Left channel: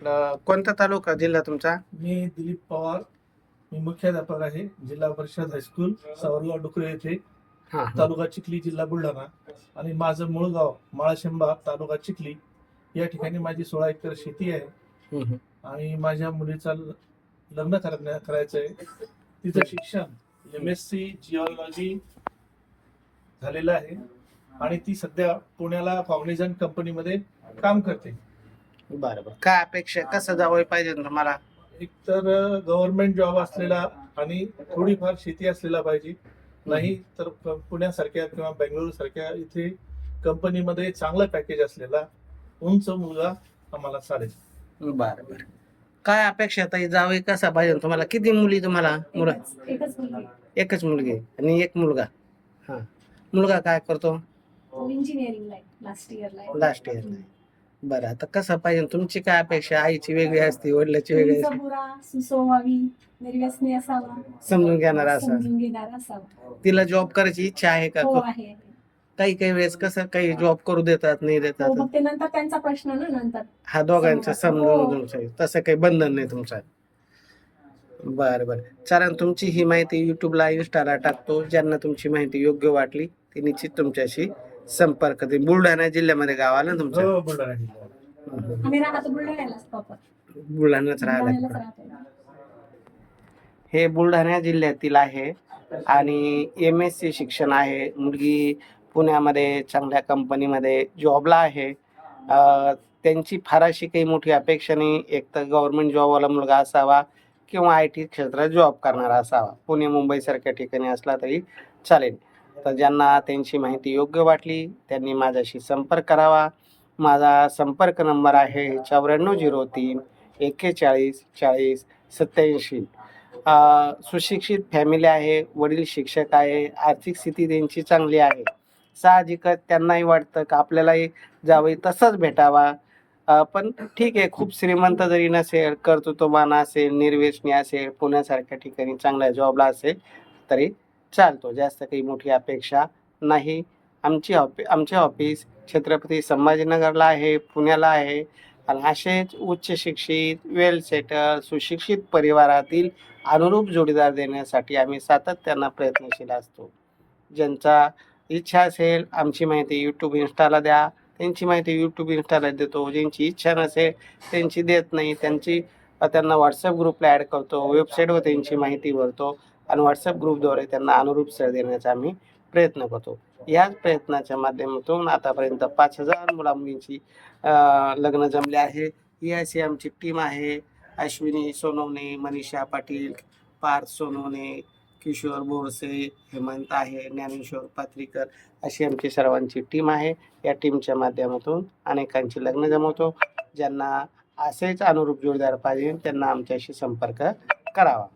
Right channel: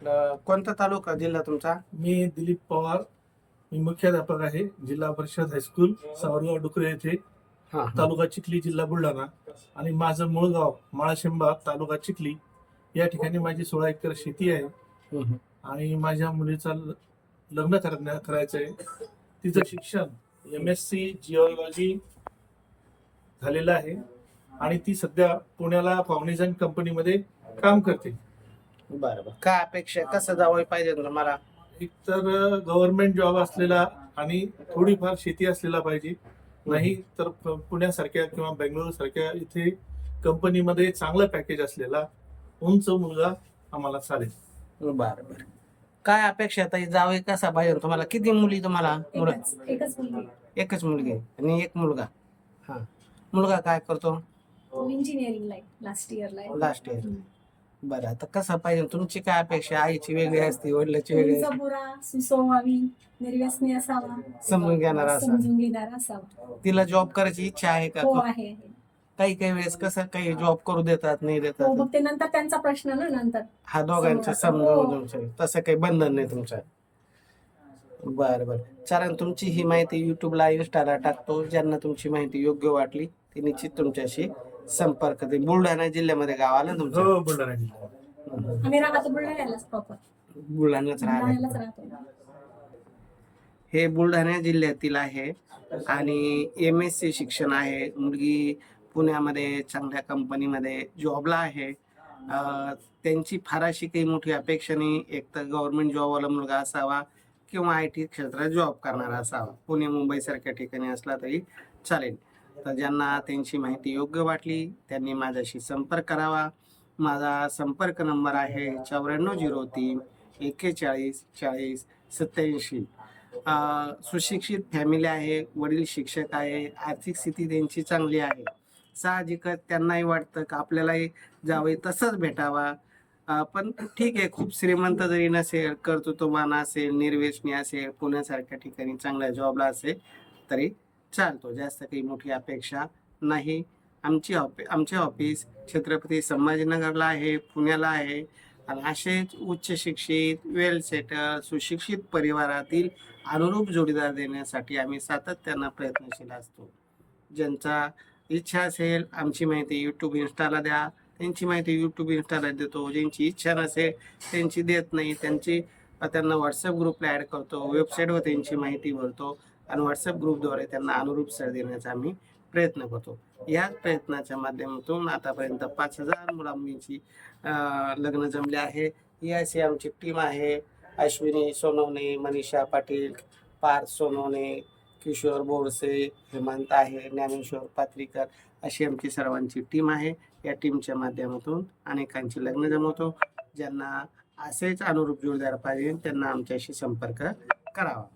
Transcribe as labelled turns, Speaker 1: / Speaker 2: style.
Speaker 1: अं, कोणता तालुका जिल्हा तुमचा?
Speaker 2: मी दिलीप पवार. मी मुख्याध्यापक आहे. जिल्हा परिषद हायस्कूल सावरगाव डुकरे येथे.
Speaker 1: हा हा.
Speaker 2: तालुका चिखली जिल्हा बुलढाणा. आणि माझं मूळ गाव माळाशेंबा तालुका चिखली. या ठिकाणी माझी सोळा एकर शेती आहे.
Speaker 1: हम्म, हम्म.
Speaker 2: आणि माझ्या मुलीचा ल- लग्न करण्या करायचं आहे तिचं शिक्षण एम एस सी जिओलॉजी झालेलं आहे. आणि ती सध्या पुण्याला कॉग्निझन कंपनीमध्ये काम करते.
Speaker 1: बरं बरं. काय अपेक्षा कसं जावं पाहिजे तुम्हाला
Speaker 2: एक तर गव्हर्नमेंट जॉब असलेला आणि थोडीफार शेती असलेला पाहिजे. नाही तर प- पुण्यासारख्या किंवा बेंगळुरू सारख्या इथे कंपनीमध्ये चांगलं पॅकेज असलेला उंच मुलगा आम्हाला चालेल.
Speaker 1: बरं बरं. काय अपेक्षा ताई जावं कसा पाहिजे तुम्हाला? किती मुली तुम्हाला? मुलं?
Speaker 3: एकच एकच मुलगी.
Speaker 1: एकच मुलगी आहे आणि एक मुलगा. हा. मुलगा काय करतो?
Speaker 3: आहे लास्ट इयरला आहे.
Speaker 1: लास्ट इयरला बरं आता कसं पाहिजे? तुमची काय अपेक्षा? आईची वेगळी असते वडिलाची वेगळी असते?
Speaker 3: बुरा सुसंवावी निर्व्यसनी असावा.
Speaker 1: समजून घेणारा असा
Speaker 3: समजून घेणारा असावा.
Speaker 1: तिला जॉब करायची इच्छा आहे का?
Speaker 3: हो आहे.
Speaker 1: काही काही वेळेस कसं काही जॉब करू देतात नाही
Speaker 3: हो
Speaker 1: देतात
Speaker 3: मग ते नंतर त्यांचा प्रश्न ना नंतर.
Speaker 1: हा दोघांचं. समजून जाऊ तसं काही बंधन नाही तुमचं. बरं बरं. चालेल तुमची ही माहिती युट्यूबला इन्स्टाला टाकतो. ज्यांना तुमची माहिती योग्य वाटली ते निश्चित तुमच्याशी संपर्क ते बुलढाणा जिल्ह्यामध्ये गाव आलं ना तुमचं?
Speaker 2: हो बुलढाणा जिल्हा.
Speaker 3: आम्ही राहतो बुलढाण्यालाच प्रॉपर
Speaker 1: बुलढाण्याच
Speaker 3: बुलढाण्यालाच
Speaker 1: राहिला
Speaker 3: राहतो
Speaker 1: हे बुलढाणा जिल्ह्यातील आहे आणि एम एस सी शिक्षण आहे. मुलगी पुण्यामध्ये चांगल्या कंपनीमध्ये जॉबला आहे. अं, त्यांची फार अशी काही मोठी अपेक्षा नाही. एक तर गव्हर्नमेंट जॉबवाला मुलगा असावा किंवा आय टी क्षेत्रात जॉब करणारा असावा. पुणे मुंबईसारख्या ठिकाणी असला तरी चालेल. तर ज्यांना त्यांची माहिती योग्य वाटली त्यांनी माझ्याशी संपर्क करावा. माझा संपर्क नंबर आहे चौऱ्याण्णव झिरो तीन एक्केचाळीस चाळीस सत्याऐंशी सुशिक्षित फॅमिली आहे वडील शिक्षक आहे आर्थिक स्थिती त्यांची चांगली आहे. साहजिकच त्यांनाही वाटतं का आपल्यालाही जावं तसंच भेटावा. पण ठीक आहे खूप श्रीमंत जरी नसेल कर्तृत्ववान असेल निर्वेशनी असेल पुण्यासारख्या ठिकाणी चांगल्या जॉबला असेल तरी चालतो. जास्त काही मोठी अपेक्षा नाही. आमची ऑफि आमचे ऑफिस छत्रपती संभाजीनगरला आहे पुण्याला आहे. आणि असेच उच्च शिक्षित वेल सेटल सुशिक्षित परिवारातील अनुरूप जोडीदार देण्यासाठी आम्ही सातत्यानं प्रयत्नशील असतो. ज्यांचा इच्छा असेल आमची माहिती यूट्यूब इन्स्टाला द्या. त्यांची माहिती यूट्यूब इन्स्टाला देतो. ज्यांची इच्छा नसेल त्यांची देत नाही. त्यांची त्यांना व्हॉट्सअप ग्रुपला ॲड करतो. वेबसाईटवर त्यांची माहिती भरतो. आणि व्हॉट्सअप ग्रुपद्वारे त्यांना अनुरूप सर देण्याचा आम्ही प्रयत्न करतो. याच प्रयत्नाच्या माध्यमातून आतापर्यंत पाच हजार मुला मुलींची लग्न जमले आहे. ही अशी आमची टीम आहे. अश्विनी सोनवणे मनीषा पाटील पार्थ सोनवणे किशोर बोरसे हेमंत आहे ज्ञानेश्वर पात्रीकर अशी आमची सर्वांची टीम आहे. या टीमच्या माध्यमातून अनेकांची लग्न जमवतो. ज्यांना असेच अनुरूप जोडदार पाहिजे त्यांना आमच्याशी संपर्क करावा.